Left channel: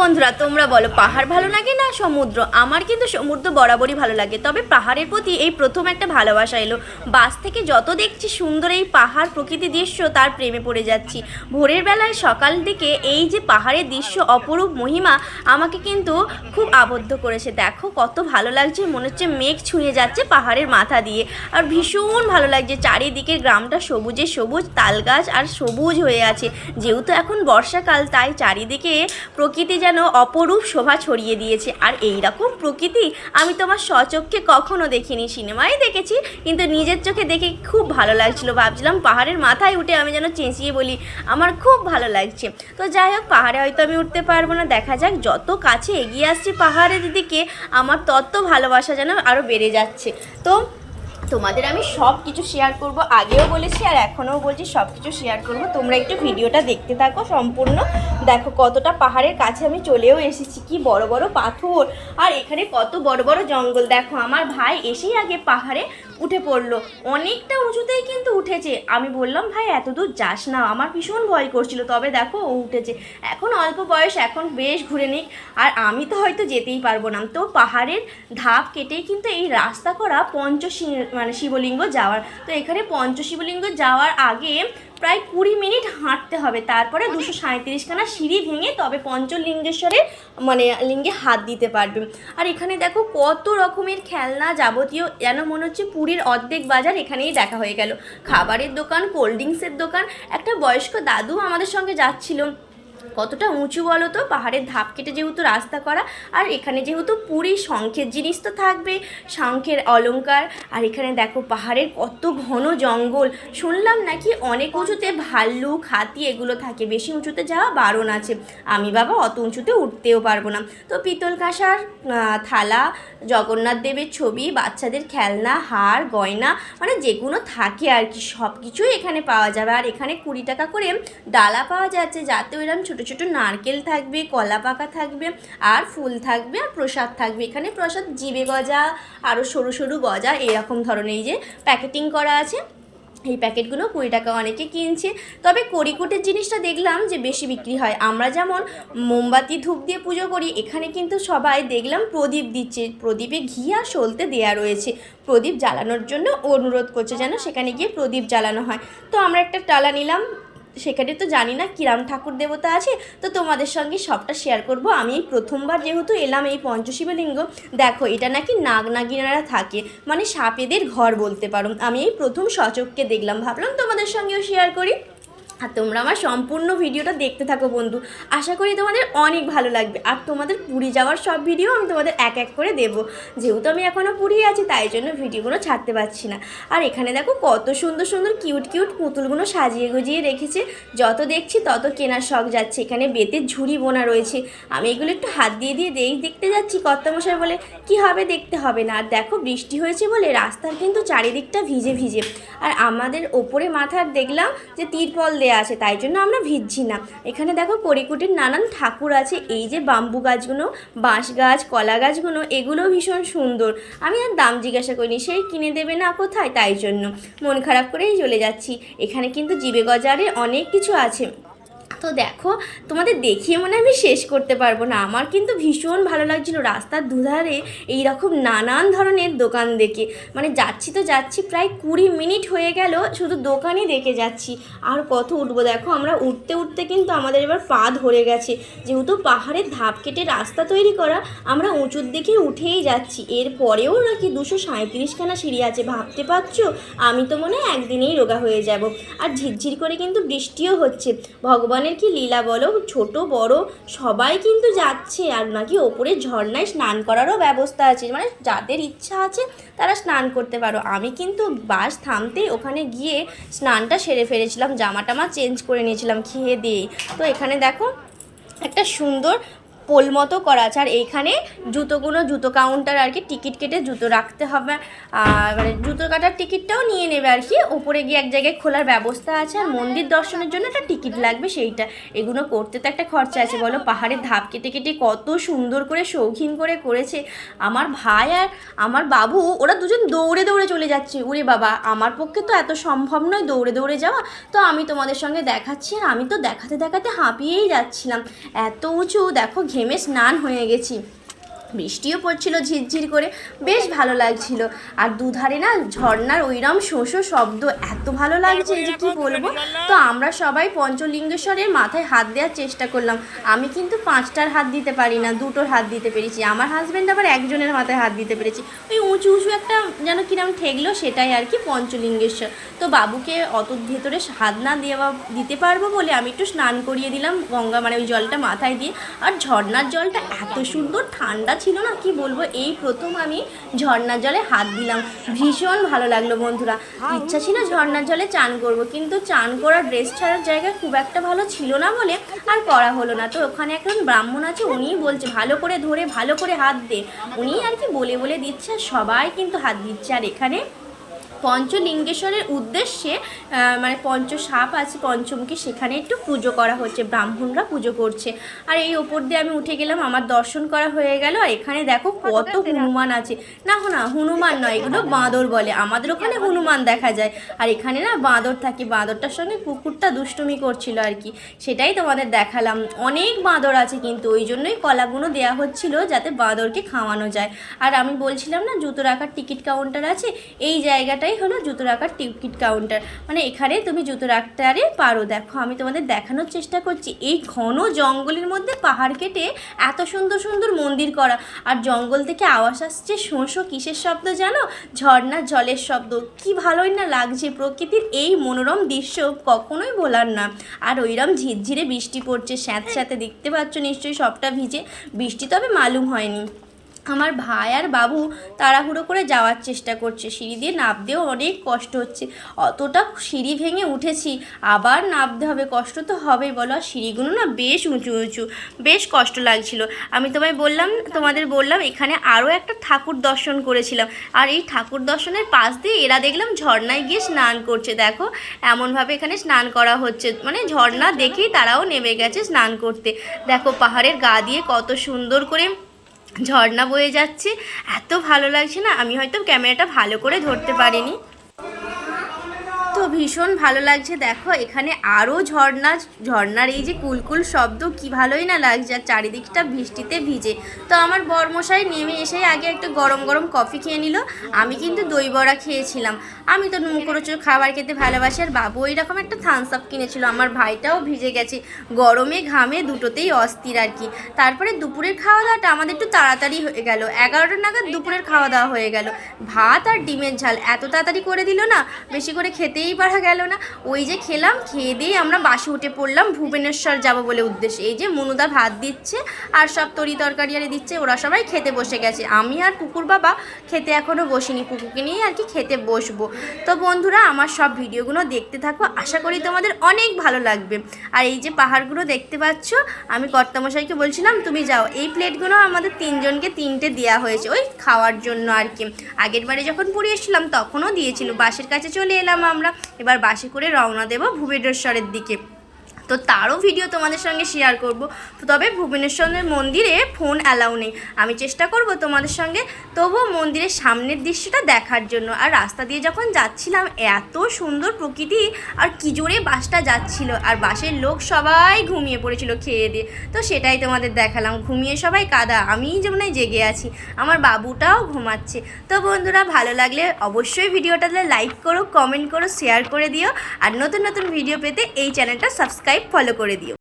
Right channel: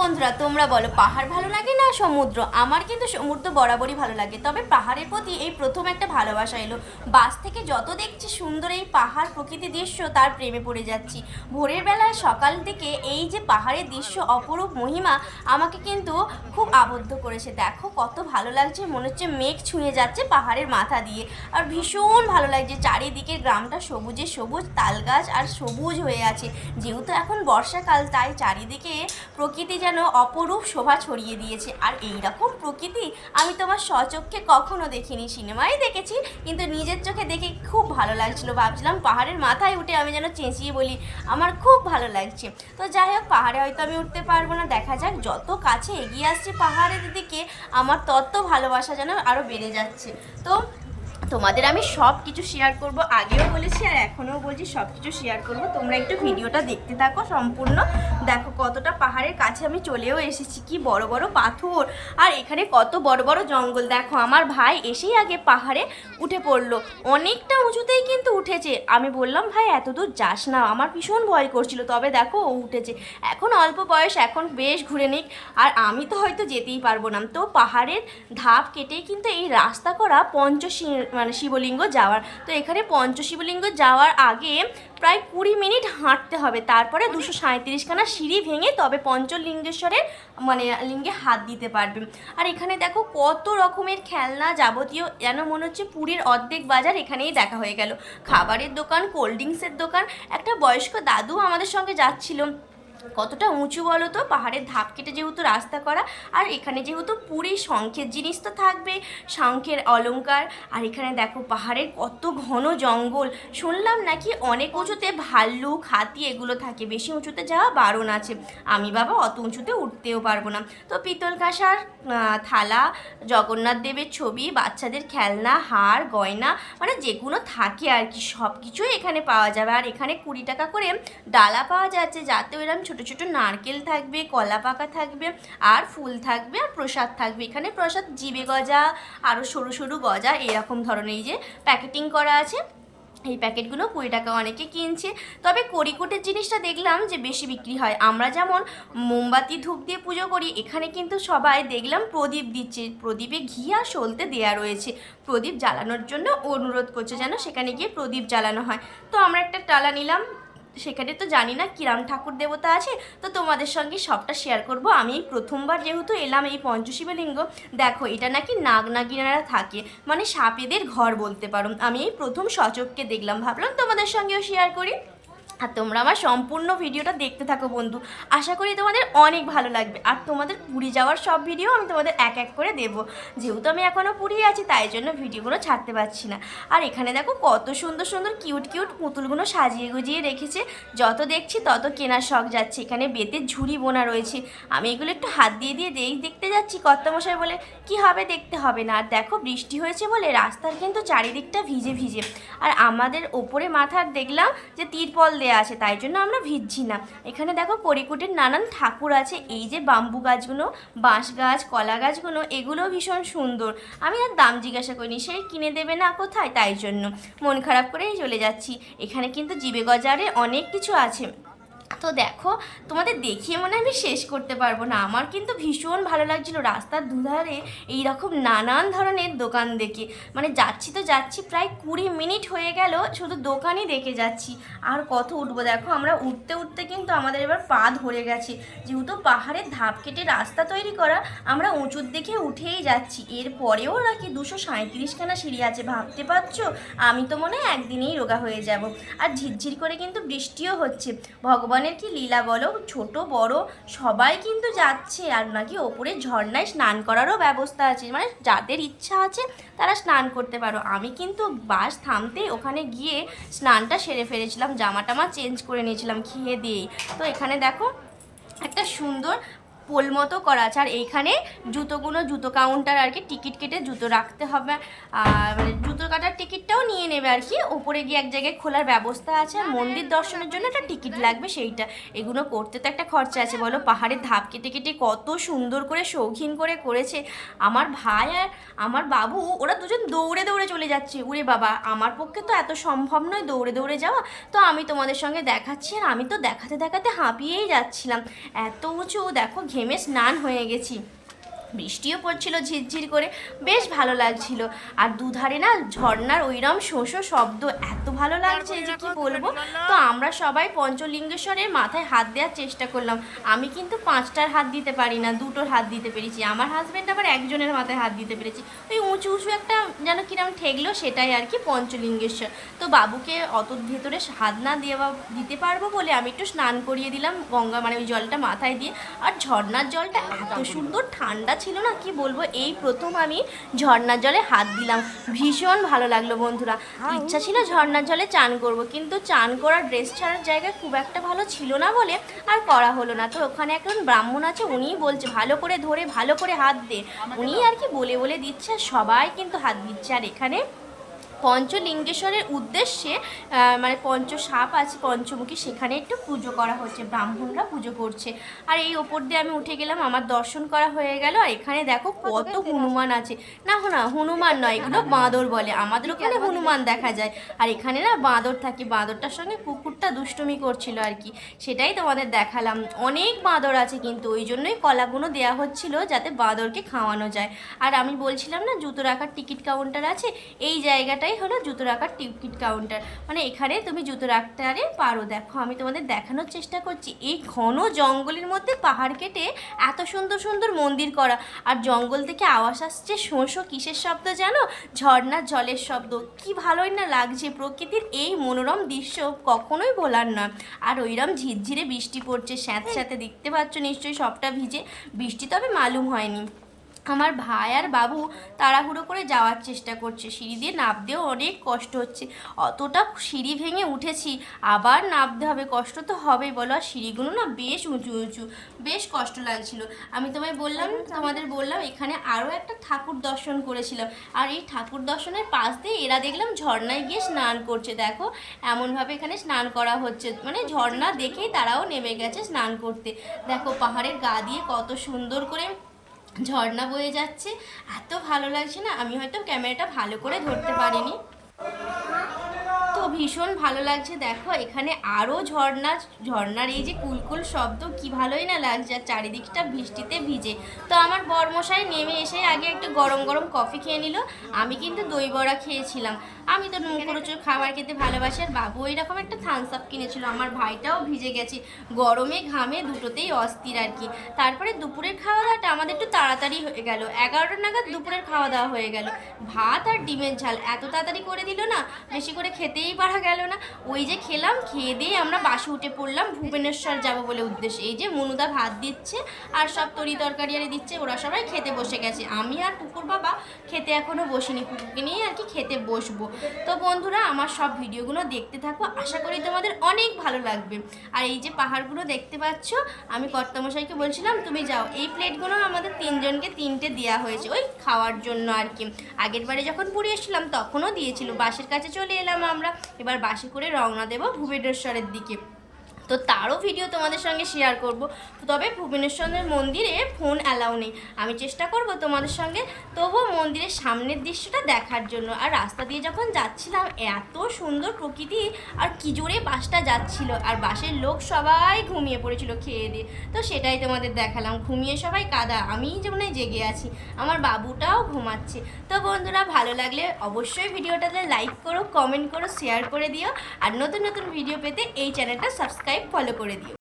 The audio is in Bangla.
বন্ধুরা, তোমরা বলো, পাহাড় ভালো লাগে না সমুদ্র? আমার কিন্তু সমুদ্র বরাবরই ভালো লাগে। তবে পাহাড়ের প্রতি এই প্রথম একটা ভালোবাসা এলো। বাস থেকে যত দেখছি সুন্দর এই পাহাড় প্রকৃতি দৃশ্য, তার প্রেমে পড়ে যাচ্ছি। ভোরের বেলায় সকাল দিকে এই যে পাহাড়ের দৃশ্য, অপরূপ মহিমা, আমাকে কিন্তু খুব আবদ্ধ করেছে। দেখো, কত ভালো লাগছে, মনে হচ্ছে মেঘ ছুঁয়ে যাচ্ছে পাহাড়ের মাথা দিয়ে। আর ভীষণ ভালো লাগছে, চারিদিকের গ্রামটা সবুজে সবুজ, তাল গাছ আর সবুজ হয়ে আছে। যেহেতু এখন বর্ষাকাল, তাই চারিদিকে প্রকৃতি যেন অপরূপ শোভা ছড়িয়ে দিয়েছে। আর এই রকম প্রকৃতি আমি তোমার স্বচক্ষে কখনো দেখিনি। সিনেমায় দেখেছি, কিন্তু নিজের চোখে দেখে খুব ভালো লাগছিল। ভাবছিলাম পাহাড়ের মাথায় উঠে আমি যেন চেঁচিয়ে বলি, আমার খুব ভালো লাগছে। তো যাই হোক, পাহাড়ে হয়তো আমি উঠতে পারব না। দেখা যাক, যত কাছে এগিয়ে আসছি পাহাড়ের দিকে, আমার তত ভালোবাসা যেন আরও বেড়ে যাচ্ছে। তো তোমাদের আমি সব কিছু শেয়ার করব, আগেও বলেছি আর এখনও বলছি সব কিছু শেয়ার করব। তোমরা একটু ভিডিওটা দেখতে থাকো সম্পূর্ণ। দেখো কতটা পাহাড়ের কাছে আমি চলেও এসেছি, কি বড় বড় পাথর। আর এখানে কত বড় বড় জঙ্গল। দেখো আমার ভাই এসেই আগে পাহাড়ে উঠে পড়ল। অনেকটা উঁচুতেই কিন্তু উঠেছে। আমি বললাম, ভাই, এত দূর যাস না। আমার ভীষণ ভয় করছিল। তবে দেখো ও উঠেছে। এখন অল্প বয়স, এখন বেশ ঘুরে নিক। আর আমি তো হয়তো যেতেই পারব না। তো পাহাড়ের ধাপ কেটেই কিন্তু এই রাস্তা করা পঞ্চশি মানে শিবলিঙ্গ যাওয়ার। তো এখানে পঞ্চশিবলিঙ্গ যাওয়ার আগে প্রায় কুড়ি মিনিট হাঁটতে হবে। তারপরে দুশো সাঁত্রিশখানা সিঁড়ি ভেঙে তবে পঞ্চলিঙ্গেশ্বরের মানে লিঙ্গে হাত দিতে পারবে। আর এখানে দেখো কত রকমের খেলনা যাবতীয় যেন মনে হচ্ছে পুরীর অর্ধেক বাজার এখানেই দেখা হয়ে গেল। খাবারের দোকান কোল্ড ড্রিঙ্কসের দোকান একটা বয়স্ক দাদু আমাদের সঙ্গে যাচ্ছিল। কতটা উঁচু বলো তো? পাহাড়ের ধাপ কেটে যেহেতু রাস্তা করা, আর এখানে যেহেতু পুরী শঙ্খের জিনিস তো থাকবে, শঙ্খের অলংকার আর এখানে দেখো পাহাড়ের কত ঘন জঙ্গল। শুনলাম নাকি অনেক উঁচুতে ভাল্লুক, হাতি এগুলো থাকে, বেশি উঁচুতে যাওয়া বারণ আছে। আমি বাবা অত উঁচুতে উঠতেও পারব না। তো পিতল কাঁসার থালা, জগন্নাথ দেবের ছবি, বাচ্চাদের খেলনা, হার, গয়না মানে যেগুলো থাকে আর কি সব কিছুই এখানে পাওয়া যাবে। আর এখানে কুড়ি টাকা করে ডালা পাওয়া যাচ্ছে যাতে এরকম ছোট ছোট নারকেল থাকবে, কলা পাকা থাকবে, আর ফুল থাকবে, আর প্রসাদ থাকবে। এখানে প্রসাদ জিবে গজা আরও সরু সরু গজা, এরকম ধরনের যে প্যাকেটিং করা আছে। এই প্যাকেটগুলো কুড়ি টাকা অনেকে কিনছে। তবে কড়িকুটের জিনিসটা দেখলাম যে বেশি বিক্রি হয়। আমরা যেমন মোমবাতি, ধূপ দিয়ে পুজো করি, এখানে কিন্তু সবাই দেখলাম প্রদীপ দিচ্ছে। প্রদীপে ঘি আর সলতে দেয়া রয়েছে। প্রদীপ জ্বালানোর জন্য অনুরোধ করছে যেন সেখানে গিয়ে প্রদীপ জ্বালানো হয়। তো আমরা একটা টালা নিলাম। সেখানে তো জানি না কিরাম ঠাকুর দেবতা আছে, তো তোমাদের সঙ্গে সবটা শেয়ার করব। আমি এই প্রথমবার যেহেতু এলাম এই পঞ্চশিবলিঙ্গ, দেখো এটা নাকি নাগ নাগিনারা থাকে মানে সাপেদের ঘর বলতে পারো। আমি এই প্রথম সচককে দেখলাম, ভাবলাম তোমাদের সঙ্গেও শেয়ার করি। আর তোমরা আমার সম্পূর্ণ ভিডিওটা দেখতে থাকো বন্ধু। আশা করি তোমাদের অনেক ভালো লাগবে। আর তোমাদের পুরী যাওয়ার সব ভিডিও আমি তোমাদের এক এক করে দেবো। যেহেতু আমি এখনও পুরী আছি, তাই জন্য ভিডিওগুলো ছাড়তে পারছি না। আর এখানে দেখো কত সুন্দর সুন্দর কিউট কিউট পুতুলগুলো সাজিয়ে গুজিয়ে রেখেছে। যত দেখছি তত কেনার শখ যাচ্ছে। এখানে বেতের ঝুড়ি বোনা রয়েছে। আমি এগুলো একটু হাত দিয়ে দিয়ে দেই, দেখতে যাচ্ছি কর্তামশাই বলে, কি হবে দেখতে হবে না? আর দেখো বৃষ্টি হয়েছে বলে রাস্তার কিন্তু চারিদিকটা ভিজে ভিজে। আর আমাদের ওপরে মাথার দেখলাম যে তিরপল দেয়া আছে, তাই জন্য আমরা ভিজছি না। এখানে দেখো কড়িকুটির নানান ঠাকুর আছে, এই যে বাম্বু গাছগুলো, বাঁশ গাছ, কলা গাছগুলো এগুলো ভীষণ সুন্দর। আমি আর দাম জিজ্ঞাসা করিনি, সেই কিনে দেবে না কোথায়? তাই জন্য। মন খারাপ করেই চলে যাচ্ছি। এখানে কিন্তু জিবে গজারে অনেক কিছু আছে। তো দেখো, তোমাদের দেখিয়ে মনে আমি শেষ করতে পারব না। আমার কিন্তু ভীষণ ভালো লাগছিল রাস্তার দুধারে এই রকম নানান ধরনের দোকান দেখে। মানে যাচ্ছি তো যাচ্ছি, প্রায় কুড়ি মিনিট হয়ে গেল, শুধু দোকানই দেখে যাচ্ছি। আর কত উঠবো দেখো, আমরা উঠতে উঠতে কিন্তু আমাদের এবার পা ধরে গেছে। যেহেতু পাহাড়ের ধাপ কেটে রাস্তা তৈরি করা, আমরা উঁচুর দিকে উঠেই যাচ্ছি। এর পরেও নাকি দুশো সাঁত্রিশখানা সিঁড়ি আছে, ভাবতে পারছ? আমি তো মনে হয় একদিনেই রোগা হয়ে যাব। আর ঝিরঝির করে কিন্তু বৃষ্টিও হচ্ছে। ভগবানের কি লীলা বলো? ছোট, বড়, সবাই কিন্তু যাচ্ছে। আর নাকি ওপরে ঝর্ণায় স্নান করারও ব্যবস্থা আছে। মানে যাদের ইচ্ছা আছে, তারা স্নান করতে পারো। আমি কিন্তু বাস থামতে ওখানে গিয়ে স্নানটা সেরে ফেলেছিলাম। জামা টামা চেঞ্জ করে নিয়েছিলাম খেয়ে দিয়েই তো এখানে দেখো, একটা সুন্দর পোল মতো করা আছে। আর এইখানে জুতোগুলো, জুতো কাউন্টার আর কি টিকিট কেটে জুতো রাখতে হবে। মানে জুতো কাটার টিকিটটাও নিয়ে নেবে আর কি। ওপরে গিয়ে এক জায়গায় খোলার ব্যবস্থা আছে। আর মন্দির দর্শনের জন্য একটা টিকিট লাগবে সেইটা। এগুলো করতে তো একটা খরচা আছে। বলো, পাহাড়ের ধাপ কেটে কেটে কত সুন্দর করে, শৌখিন করে করেছে। আমার ভাই আর আমার বাবু, ওরা দুজন দৌড়ে দৌড়ে চলে যাচ্ছে। উরে বাবা, আমার পক্ষে তো এত সম্ভব নয় দৌড়ে দৌড়ে যাওয়া। তো আমি তোমাদের সঙ্গে দেখাচ্ছি। আর আমি তো দেখাতে দেখাতে হাঁপিয়েই যাচ্ছিলাম। এত উঁচু, দেখো ঘেমে স্নান হয়ে গেছি। বৃষ্টিও পড়ছিল ঝিরঝির করে। বেশ ভালো লাগছিল। আর দুধারে না ঝর্ণার ওইরম শোষো শব্দ এত ভালো লাগছে যে কি বলব? তো আমরা সবাই পঞ্চলিঙ্গেশ্বরের মাথায় হাত দেওয়ার চেষ্টা করলাম। আমি কিন্তু পাঁচটার হাত দিতে পারি না, দুটোর হাত দিতে পেরেছি। আমার হাজব্যান্ড আবার একজনের মাথায় হাত দিতে পেরেছি। ওই উঁচু উঁচু একটা যেন কিরম ঠেকলো সেটাই আর কি পঞ্চলিঙ্গেশ্বর। তো বাবুকে অত ভেতরে হাত না দেওয়া দিতে পারব বলে আমি একটু স্নান করিয়ে দিলাম গঙ্গা মানে ওই জলটা মাথায় দিয়ে। আর ঝর্ণার জলটা এত সুন্দর, ঠান্ডা ছিল না, কি বলব? এই প্রথম আমি ঝর্ণার জলে হাত দিলাম। ভীষণ ভালো লাগল বন্ধুরা। ইচ্ছা ছিল ঝর্ণার জলে চান করব, কিন্তু চান করার ড্রেস ছাড়ার জায়গা খুব একটা ভালো ছিল না বলে আর করা হলো না। তো ওখানে একজন ব্রাহ্মণ আছে, উনিই বলছে, ভালো করে ধরে, ভালো করে হাত দে। উনি আর কি বলে বলে দিচ্ছে সবাই কিন্তু হাত দিচ্ছে। আর এখানে পঞ্চলিঙ্গেশ্বরের উদ্দেশ্যে মানে পঞ্চ সাপ আছে পঞ্চমুখী সেখানে একটু পুজো করা হচ্ছে ব্রাহ্মণরা পুজো করছে। আর এই ওপর দিয়ে আমি উঠে গেলাম আমার দর্শন করা হয়ে গেল আর এখানে দেখো কত হনুমান আছে। না হো না হনুমান নয় এগুলো বাঁদর বলে আমাদের ওখানে হনুমান দেখা যায়। আর এখানে না বাঁদর থাকে বাঁদরটার সঙ্গে কুকুরটা দুষ্টুমি করছিল আর কি সেটাই তোমাদের দেখালাম। অনেক বাঁদর আছে কিন্তু ওই জন্যই কলাগুলো দেওয়া হচ্ছিল যাতে বাঁদরকে খাওয়ানো যায়। আর আমি বলছিলাম না জুতো রাখার টিকিট কাউন্টার আছে এই জায়গাটাই হলো জুতো রাখার টিকিট কাউন্টার মানে এখানে তুমি জুতো রাখতে আরে পারো। দেখো, আমি তোমাদের দেখানোর চেষ্টা করছি। এই ঘন জঙ্গলের মধ্যে পাহাড় কেটে এত সুন্দর সুন্দর মন্দির করা। আর জঙ্গল থেকে আওয়াজ আসছে শোঁশো কিসের শব্দ জানো? ঝর্ণার জলের শব্দ। কি ভালোই না লাগছে প্রকৃতির এই মনোরম দৃশ্য কখনোই বলার না। আর ওইরম ঝিরঝিরে বৃষ্টি পড়ছে স্যাঁত স্যাঁতে দেখতে পাচ্ছ নিশ্চয়ই সবটা ভিজে। বৃষ্টি তবে মালুম হয়নি। আমার ভাই আর বাবু তাড়াহুড়ো করে যাওয়ার চেষ্টা করছে। সিঁড়ি দিয়ে নামতেও অনেক কষ্ট হচ্ছে। অতটা সিঁড়ি ভেঙে উঠেছি, আবার নামতে হবে। কষ্ট তো হবেই, বলো। আর সিঁড়িগুলো না বেশ উঁচু উঁচু। বেশ কষ্ট লাগছিল। আমি তোমায় বললাম, তোমাদের বললাম, এখানে আরও একটা ঠাকুর দর্শন করেছিলাম। আর এই ঠাকুর দর্শনের পাশ দিয়ে এরা দেখলাম ঝর্ণায় গিয়ে স্নান করছে। দেখো, এমনভাবে এখানে স্নান করা হচ্ছে। মানে ঝর্ণা দেখেই তারাও নেমে গেছে স্নান করতে। দেখো পাহাড়ের গা দিয়ে কত সুন্দর করে ঝর্ণা বয়ে যাচ্ছে এত ভালো লাগছে না আমি হয়তো ক্যামেরাটা ভালো করে ধরতে পারিনি। তো ভীষণ ভালো লাগছে। দেখো, এখানে আরও ঝর্ণা, ঝর্ণার এই যে কুলকুল শব্দ কি ভালোই না লাগছে, আর চারিদিকটা বৃষ্টিতে ভিজে। তো আমার বরমশাই নেমে এসে আগে একটা গরম গরম কফি খেয়ে নিল। আমি কিন্তু দই বড়া খেয়েছিলাম। আমি তো মুখরোচক খাবার খেতে ভালোবাসি, আর বাবু ওই রকম একটা থামস আপ কিনেছিল। আমার ভাইটাও ভিজে গেছে। গরমে, ঘামে দুটোতেই অস্থির আর কি। তারপরে দুপুরের খাওয়া দাওয়াটা আমাদের একটু তাড়াতাড়ি হয়ে গেল। এগারোটা নাগাদ দুপুরের খাওয়া দাওয়া হয়ে গেল। ভাত আর ডিমের ঝাল এত তাড়াতাড়ি করে দিল না, বেশি করে খেতেই পারা গেল না। ওই যে খেলাম, খেয়ে দিয়ে আমরা বাসে উঠে পড়লাম, ভুবনেশ্বর যাব বলে উদ্দেশ্যে। এই যে মনুদা ভাত দিচ্ছে আর সব তরি তরকারি আরে দিচ্ছে, ওরা সবাই খেতে বসে গেছে। আমি আর কুকুর বাবা খেতে এখনও বসিনি, কুকুরকে নিয়ে আর কি খেতে বসবো। তো বন্ধুরা, আমার সব ভিডিওগুলো দেখতে থাকো, আশা করি তোমাদের অনেক ভালো লাগবে। আর এই যে পাহাড়গুলো দেখতে পাচ্ছ, আমি কর্তামশাইকে বলছিলাম, তুমি যাও। এই প্লেটগুলো আমাদের তিনজনকে তিনটে দেওয়া হয়েছে, ওই খাওয়ার জন্য আর কি। আগের বারে যখন পুরী এসেছিলাম, তখনও দিয়েছিল। বাসের কাছে চলে এলাম আমরা। এবার বাসে করে রওনা দেব ভুবনেশ্বরের দিকে। তো তারও ভিডিও তোমাদের সঙ্গে শেয়ার করব। তো তবে ভুবনেশ্বরের মন্দিরে ফোন অ্যালাউ নেই। আমি চেষ্টা করব তোমাদের সঙ্গে, তবুও মন্দিরের সামনের দৃশ্যটা দেখার জন্য। আর রাস্তা দিয়ে যখন যাচ্ছিলাম, এত সুন্দর প্রকৃতি, আর কি জোরে বাসটা যাচ্ছিল। আর বাসের লোক সবাই ঘুমিয়ে পড়েছিল খেয়ে দিয়ে। তো সেটাই তোমাদের দেখালাম। ঘুমিয়ে সবাই কাদা। আমিই যেমন জেগে আছি। আমার বাবুটাও ঘুমাচ্ছে। তো বন্ধুরা, ভালো লাগলে অবশ্যই ভিডিওটাতে লাইক করো কমেন্ট করো শেয়ার করে দিও। আর নতুন নতুন ভিডিও পেতে এই চ্যানেলটা সাবস্ক্রাইব ফলো করে দিও।